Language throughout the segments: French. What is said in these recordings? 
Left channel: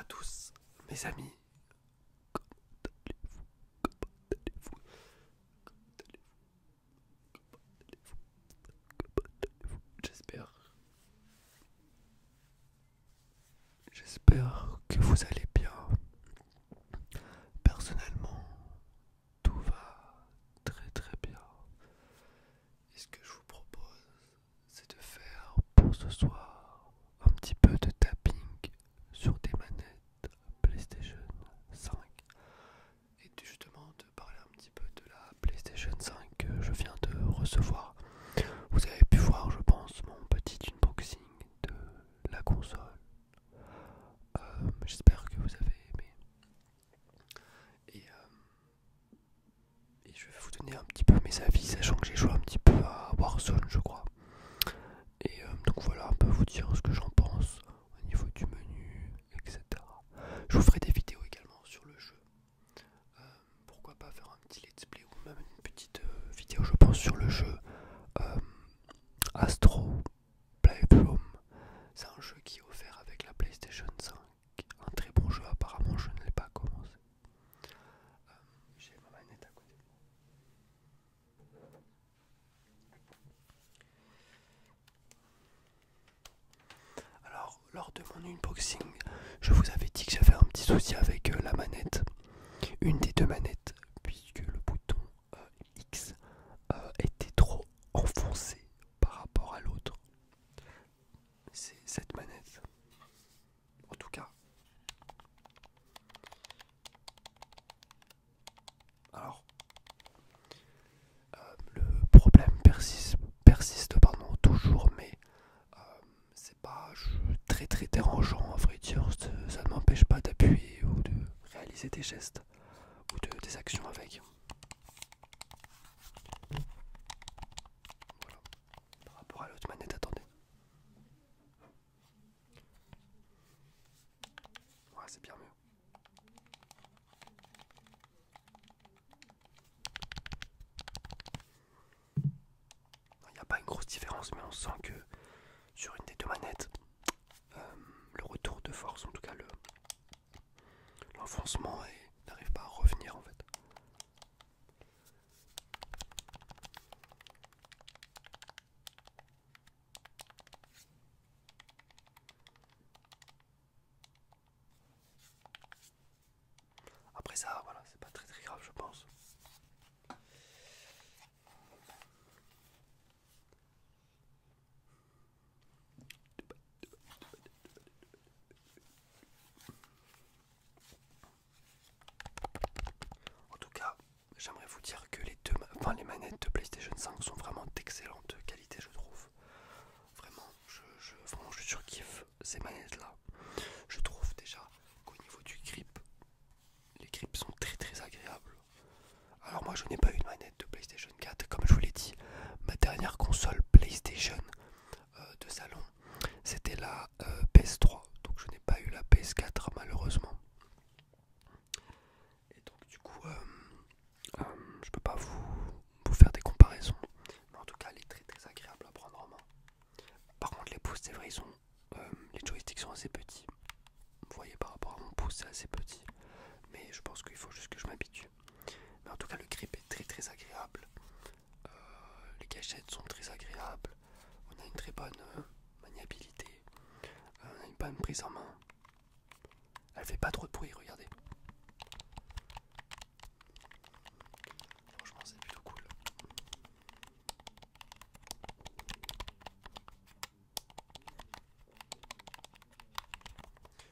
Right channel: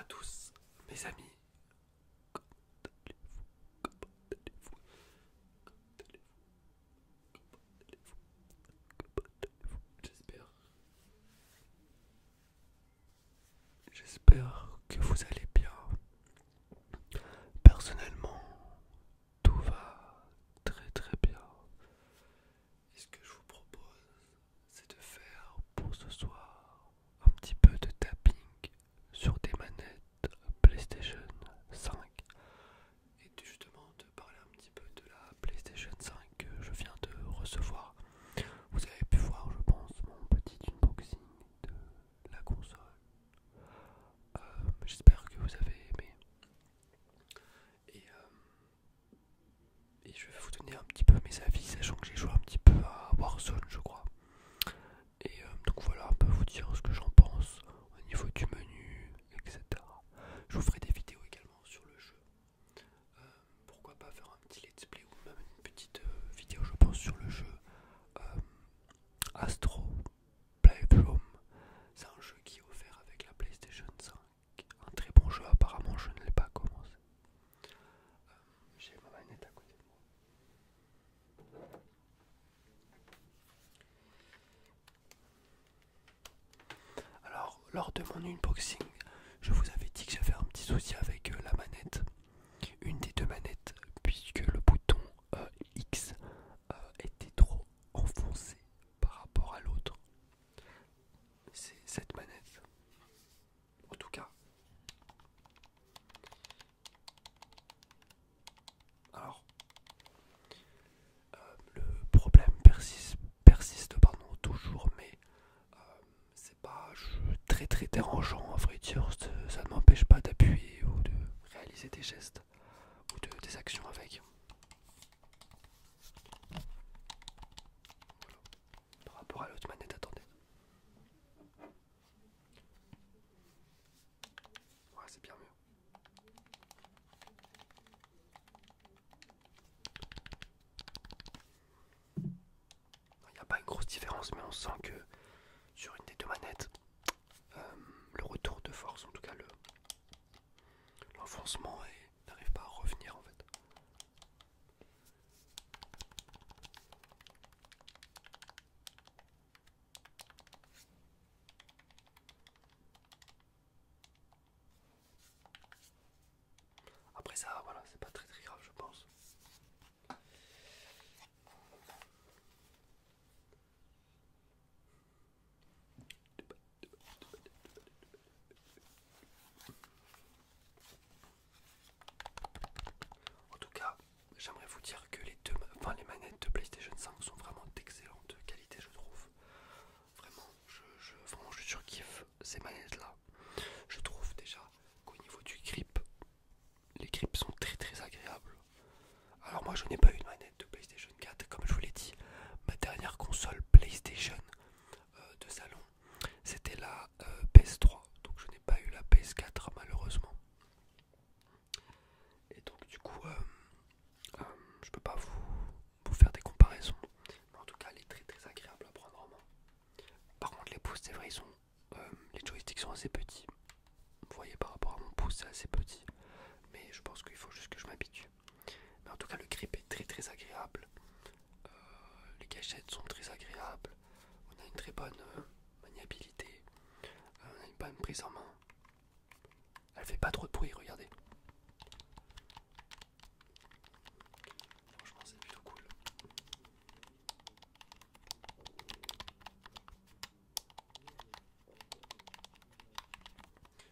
à tous, mes amis. J'espère, j'espère que vous allez bien. Personnellement, tout va très très bien. Et ce que je vous propose, c'est de faire pour ce soir un petit peu de tapping sur des manettes PlayStation 5 et justement de parler un petit peu de la PlayStation 5 que je viens de recevoir. Vous avez pu voir, je pense, mon petit unboxing de la console. J'espère que vous avez aimé. Et je vais vous donner un petit peu mes avis, sachant que j'ai joué un petit peu à Warzone, je crois. Et donc voilà, un peu vous dire ce que j'en pense au niveau du menu, etc. Je vous ferai des vidéos également sur le jeu. Euh, Pourquoi pas faire un petit let's play ou même une petite vidéo, je pense, sur le jeu Astro Playroom. C'est un jeu qui est offert avec la PlayStation 5. Un très bon jeu, apparemment je ne l'ai pas commencé. J'ai ma manette à côté de moi. Alors, lors de mon unboxing, je vous avais dit que j'avais un petit souci avec la manette. Une des deux manettes, puisque le bouton X était trop enfoncé par rapport à l'autre. C'est cette manette. En tout cas. Alors, le problème persiste pardon, toujours, mais c'est pas très très dérangeant à vrai dire. Ça ne m'empêche pas d'appuyer ou de réaliser des gestes ou des actions avec. Voilà. Par rapport à l'autre manette, attendez. Ouais, c'est bien mieux. Il n'y a pas une grosse différence, mais on sent que sur une des deux manettes, le retour de force, en tout cas l'enfoncement n'arrive pas à revenir en fait. Après ça, voilà, c'est pas très très grave, je pense. En tout cas, j'aimerais vous dire que les manettes de PlayStation 5 sont vraiment d'excellente qualité, je trouve. Vraiment, vraiment, je surkiffe ces manettes-là. Je trouve déjà qu'au niveau du grip, les grips sont très très agréables. Alors moi, je n'ai pas eu de manette de PlayStation 4, comme je vous l'ai dit. Ma dernière console PlayStation de salon, c'était la PS3. Donc je n'ai pas eu la PS4 malheureusement. Et donc du coup, je peux pas vous faire des comparaisons. Mais en tout cas, elle est très très agréable à prendre en main. Par contre, les pouces, c'est vrai, les joysticks sont assez petits. Vous voyez, par rapport à mon pouce, c'est assez petit. Mais je pense qu'il faut juste que je m'habitue. Mais en tout cas, le grip est très très agréable. Les gâchettes sont très agréables. On a une très bonne maniabilité. On a une bonne prise en main. Elle fait pas trop de bruit, regardez. Franchement, c'est plutôt cool.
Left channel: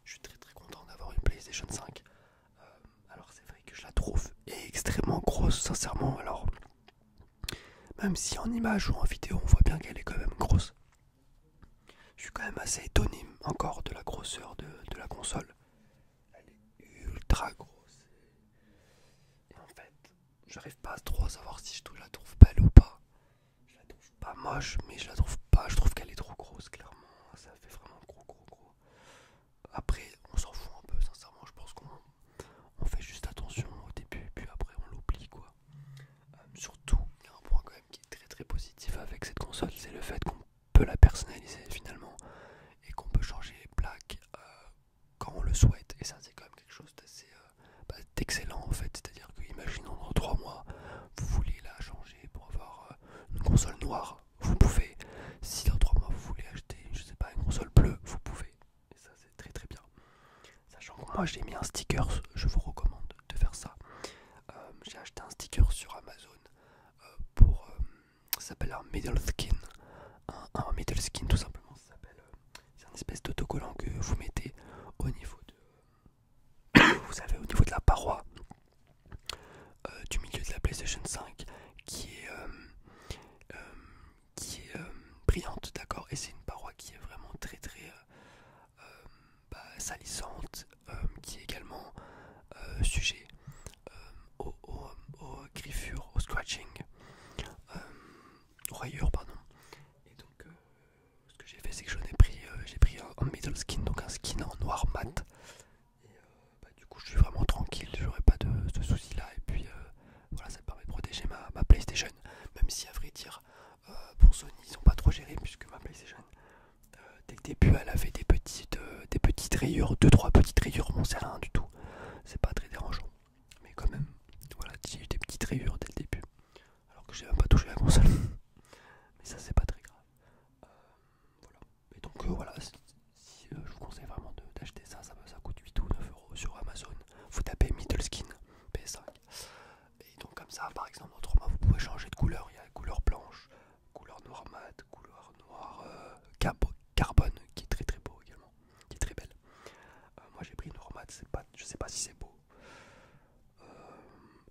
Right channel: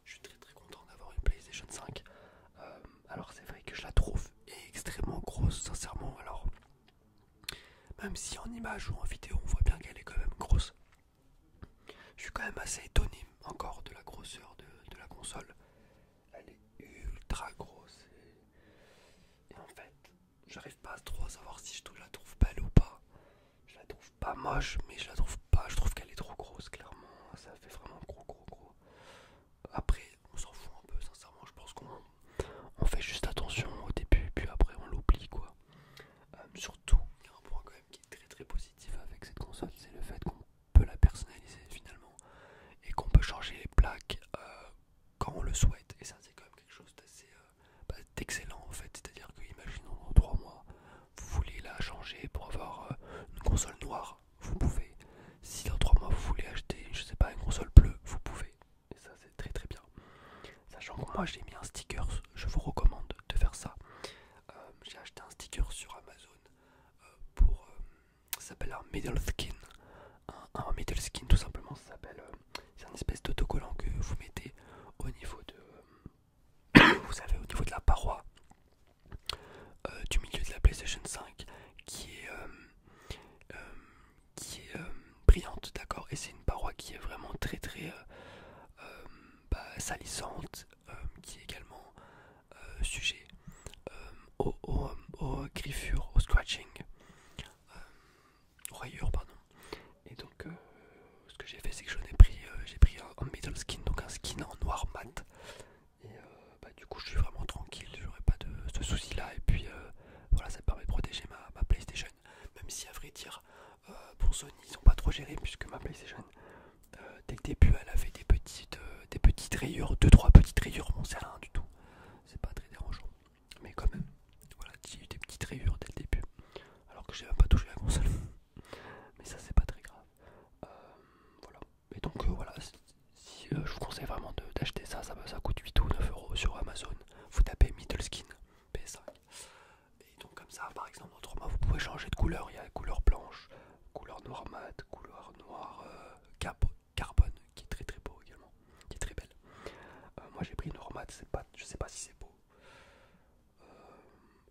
Je suis très très content d'avoir une PlayStation 5. Alors c'est vrai que je la trouve extrêmement grosse, sincèrement. Alors, même si en image ou en vidéo on voit bien qu'elle est quand même grosse, je suis quand même assez étonné encore de la grosseur de la console. Elle est ultra grosse. Et en fait, j'arrive pas à trop savoir si je la trouve belle ou pas. Je la trouve pas moche, mais je la trouve pas. Je trouve qu'elle est trop grosse, clairement. Ça fait vraiment gros, gros, gros. Après, on s'en fout un peu, sincèrement. Je pense qu'on fait juste attention au début, puis après on l'oublie, quoi. Surtout, il y a un point quand même qui est très très positif avec cette console, c'est le fait qu'on peut la personnaliser finalement et qu'on peut changer les plaques quand on le souhaite. Et excellent en fait. C'est-à-dire que, imaginons dans 3 mois, vous voulez la changer pour avoir une console noire, vous pouvez. Si dans 3 mois vous voulez acheter, je sais pas, une console bleue, vous pouvez. Et ça c'est très très bien. Sachant que moi j'ai mis un sticker, je vous recommande de faire ça. J'ai acheté un sticker sur Amazon pour ça s'appelle un middle skin. Un middle skin tout simplement, ça s'appelle c'est un espèce d'autocollant que vous mettez au niveau de vous savez, au niveau de la paroi du milieu de la PlayStation 5 qui est brillante, d'accord, et c'est une paroi qui est vraiment très très salissante, qui est également sujet aux griffures, au scratching, aux rayures, pardon. Et donc, ce que j'ai fait, c'est que j'ai pris un middle skin, donc un skin en noir mat. Et du coup, je suis vraiment tranquille, j'aurai pas de ce souci là. Et puis, voilà, ça permet de protéger ma PlayStation. Même si, à vrai dire, pour Sony, ils ont pas trop géré, puisque ma PlayStation, dès le début, elle avait des petites rayures, 2-3 petites rayures, bon, c'est rien du tout. C'est pas très dérangeant. Mais quand même, voilà, j'ai eu des petites rayures dès le début. Alors que j'ai même pas touché la console. Mais ça, c'est pas très grave. Voilà. Et donc, voilà, si, je vous conseille vraiment d'acheter ça. Ça coûte 8 ou 9 euros sur Amazon. Vous tapez Middle Skin PS5. Et donc, comme ça, par exemple, autrement, vous pouvez changer de couleur. Il y a la couleur blanche, couleur noir mat, couleur noir carbone, qui est très très beau également, qui est très belle. Moi, j'ai pris noir mat, je sais pas si c'est beau.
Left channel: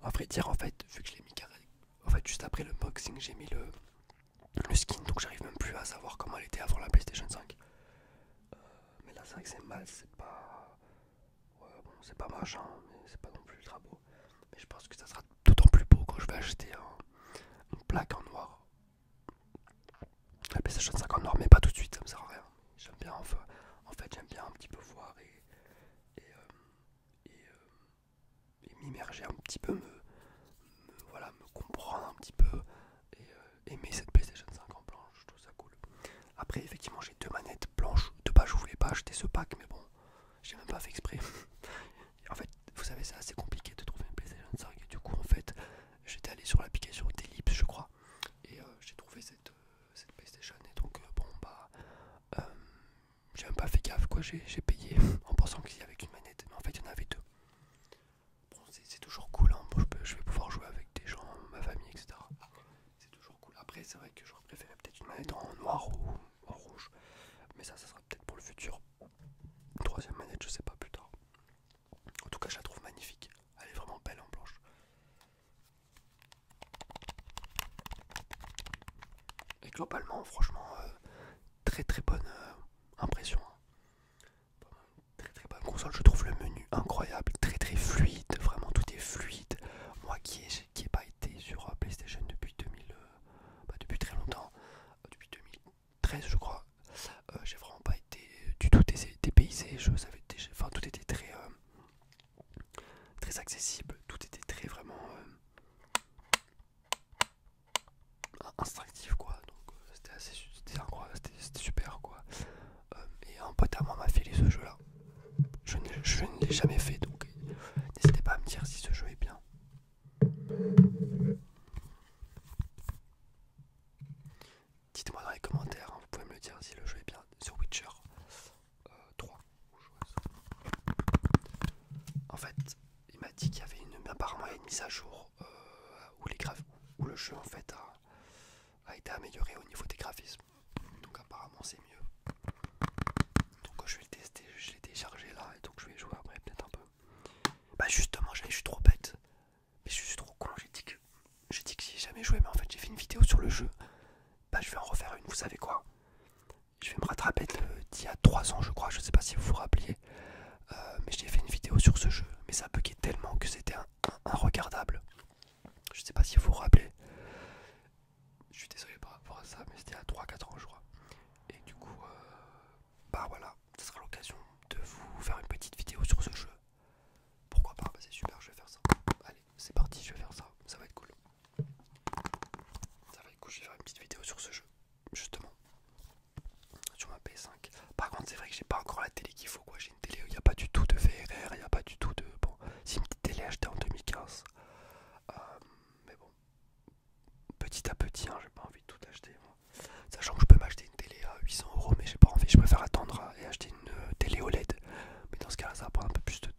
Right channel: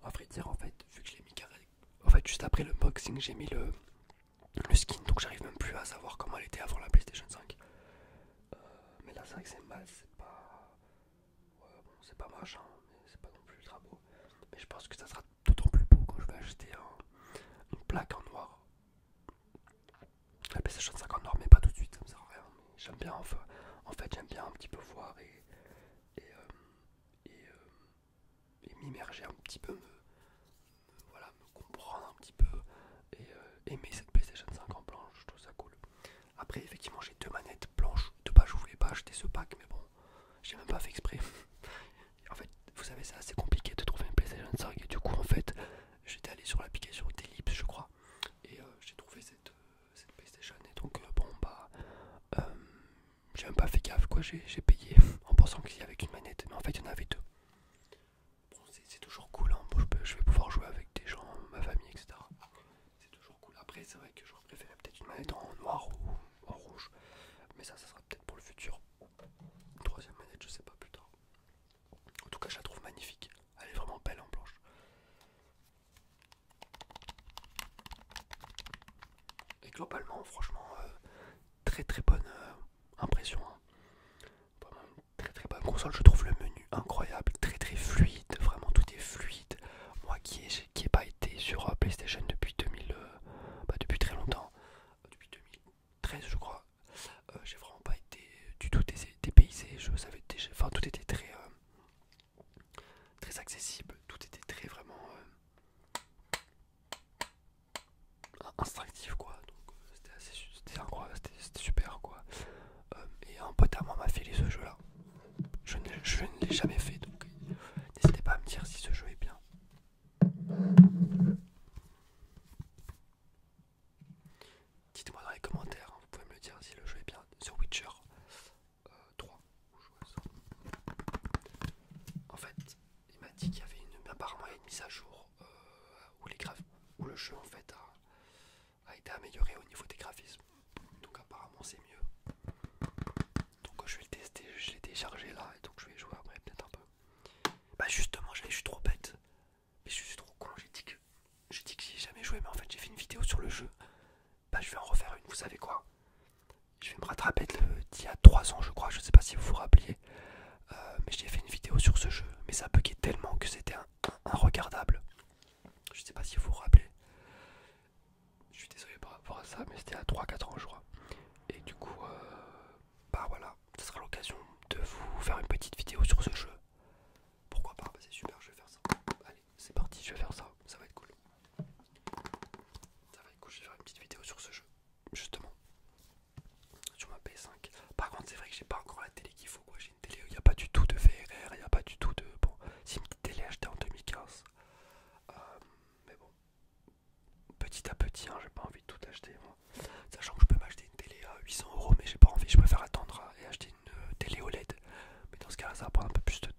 À vrai dire, en fait, vu que je l'ai mis carré, en fait, juste après le unboxing, j'ai mis le skin, donc j'arrive même plus à savoir comment elle était avant la PlayStation 5. Mais là, c'est vrai que c'est mal, c'est pas. Ouais, bon, c'est pas moche, hein, mais c'est pas non plus ultra beau. Mais je pense que ça sera d'autant plus beau quand je vais acheter une plaque en noir. La PlayStation 5 en noir, mais pas tout de suite, ça me sert à rien. J'aime bien, enfin, en fait, j'aime bien un petit peu voir et m'immerger un petit peu, voilà, me comprendre un petit peu et aimer cette PlayStation 5 en blanche, je trouve ça cool. Après, effectivement, j'ai 2 manettes blanches. De base, je voulais pas acheter ce pack, mais bon, j'ai même pas fait exprès. En fait, vous savez, c'est assez compliqué de trouver une PlayStation 5 et du coup, en fait, j'étais allé sur l'application Delips, je crois, et j'ai trouvé cette PlayStation. Et donc, euh, j'ai même pas fait gaffe, quoi. J'ai payé en pensant qu'il y avait qu'une manette, mais en fait, il y en avait 2. Bon, c'est toujours cool, hein. Bon, je vais pouvoir jouer avec des gens, ma famille, etc. C'est toujours cool. Après, c'est vrai que j'aurais préféré peut-être une manette en noir ou en rouge, mais ça sera peut-être pour le futur. Une 3e manette, je sais pas, plus tard. En tout cas, je la trouve magnifique. Elle est vraiment belle en blanche. Et globalement, franchement, très très bonne impression, hein. Vraiment une très très bonne console. Je trouve le menu incroyable, très très fluide. Vraiment, tout est fluide. Moi qui ai pas été sur PlayStation depuis depuis très longtemps, depuis 2013 je crois, j'ai vraiment pas été du tout dépaysé. Je savais déjà, enfin tout était très accessible, tout était très vraiment instinctif, quoi. Donc c'était incroyable, c'était super, quoi. Et un pote à moi m'a filé ce jeu là. Je ne l'ai jamais fait, donc n'hésitez pas à me dire si ce jeu est bien. Dites-moi dans les commentaires, hein, vous pouvez me le dire si le jeu est bien. Sur Witcher 3. En fait, il m'a dit qu'il y avait apparemment une mise à jour où le jeu en fait a été amélioré au niveau des graphismes. Donc apparemment c'est mieux. Donc je vais le tester, je l'ai téléchargé là et donc je vais jouer après peut-être un peu. Bah justement, je suis trop bête. Mais je suis trop con, j'ai dit que j'y ai jamais joué, mais en fait j'ai fait une vidéo sur le jeu. Bah je vais en refaire une, vous savez quoi? Je vais me rattraper d'il y a 3 ans je crois, je sais pas si vous vous rappeliez. Mais j'ai fait une vidéo sur ce jeu, mais ça buguait tellement que c'était regardable. Je sais pas si vous vous rappelez. Je suis désolé par rapport à ça, mais c'était à 3-4 ans je crois. Et du coup, bah voilà, ce sera l'occasion de vous faire une petite vidéo sur ce jeu. Pourquoi pas? Bah c'est super, je vais faire ça. Allez, c'est parti, je vais faire ça, ça va être cool. Ça va être cool, je vais faire une petite vidéo sur ce jeu, justement. Sur ma PS5. Par contre, c'est vrai que j'ai pas encore la télé qu'il faut, quoi. J'ai une télé où il n'y a pas du tout de VRR, il n'y a pas du tout de. Bon, si une petite télé HD petit à petit, hein, j'ai pas envie de tout acheter moi. Sachant que je peux m'acheter une télé à 800 euros, mais j'ai pas envie, je préfère attendre et acheter une télé OLED. Mais dans ce cas là ça va prendre un peu plus de